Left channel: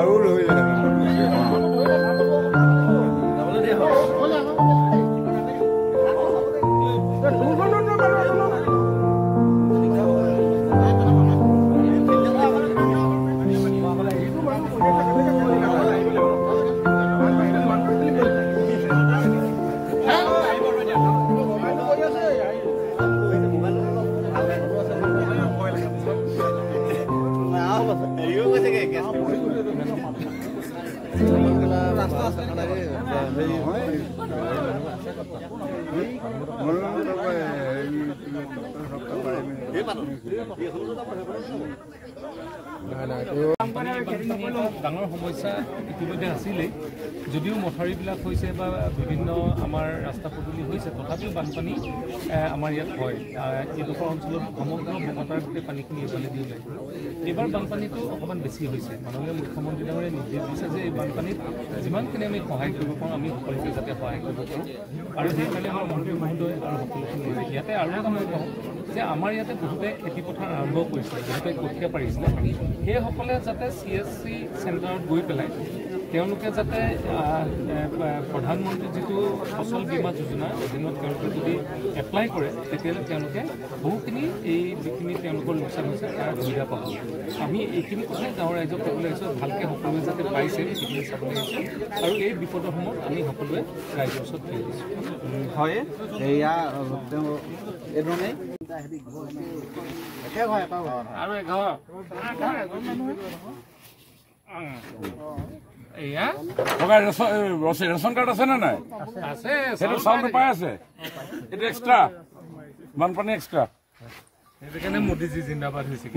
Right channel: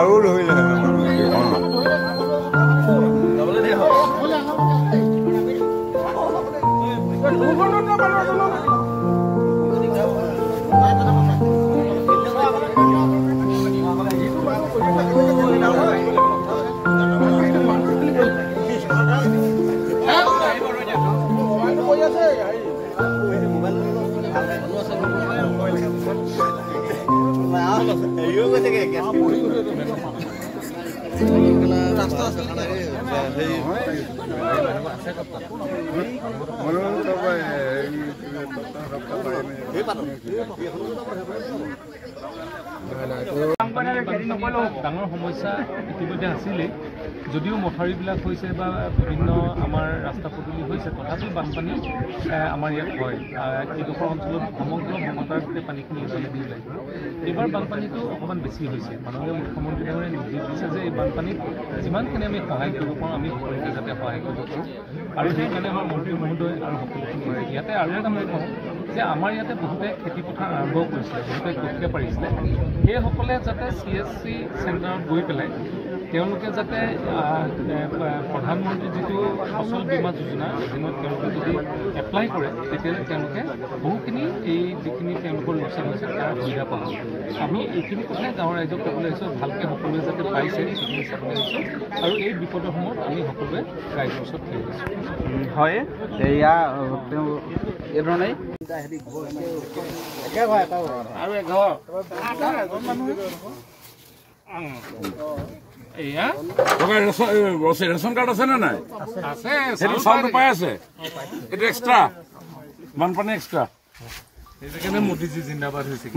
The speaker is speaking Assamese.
আৰু ধৰিলে ডাঙৰ সমস্যা ইতিমধ্যে আছিলেই যদিও মথাউৰিবিলাক হৈছে বা বিভিন্ন আমাৰ ৰাস্তা পদূলি হৈছে তথাপিও বানপানী আমাৰ ইয়াত হয় এইডোখৰ অঞ্চলত সমগ্ৰ ভূমতাৰ গোটেই পানীখিনি এজনে দি ওলায় এইবাৰ বানপানীটো অকণমান বেছি হৈছে মাননীয় মুখ্যমন্ত্ৰী ডাঙৰীয়াই নিৰ্দেশ দিছে যে এই বানপানীত যিমানখিনি আমি সহায় কৰিব পাৰোঁ আমি সকলোকে যাতে সহায় কৰিব পাৰোঁ আৰু সেইকাৰণে আমাৰ মন্ত্ৰী মহোদয় আৰু সকলোখিনি ইয়াতে আৰু এটা মই কওঁ যে আমাৰ ইয়াতে বহুতে খেতিপথাৰ আৰম্ভ কৰিছিলে বহুতে কঠীয়া পাৰিছিলে সেইসকলে যাতে CSC চেণ্টাৰত গৈ পেলাই তেওঁলোকে যাতে প্ৰধানমন্ত্ৰী যিটো ফচল বীমা যোজনাৰ অধীনত তেওঁলোকে যদি এপ্লাই কৰে তেতিয়াহ'লে তেওঁলোকে বহুখিনি এই যিখিনি তেওঁলোকৰ লোকচান হৈছে তাৰ সুবিধা পাব আমি এইখিনি কথাই গাঁৱৰ ৰাইজক ক'বলৈ আহিছোঁ ভালকৈ সকলোৱে যাতে পাইছে সেইখিনি চাবলৈ আহিছোঁ আৰু এই বিপদৰ সময়ত আমি সকলোৱে ৰাইজৰ ওচৰত থিয় হৈছোঁ হয় এয়া এইধৰণেই আৰু এঘৰ এয়া ৰেচন কাৰ্ড আছে নে নাই আছে সেইটো চাউলটো পাই আছে এইটো এক্সট্ৰা বানপানী এক্সট্ৰা সেইকাৰণে মোদীজী জিন্দাবাদ হৈছে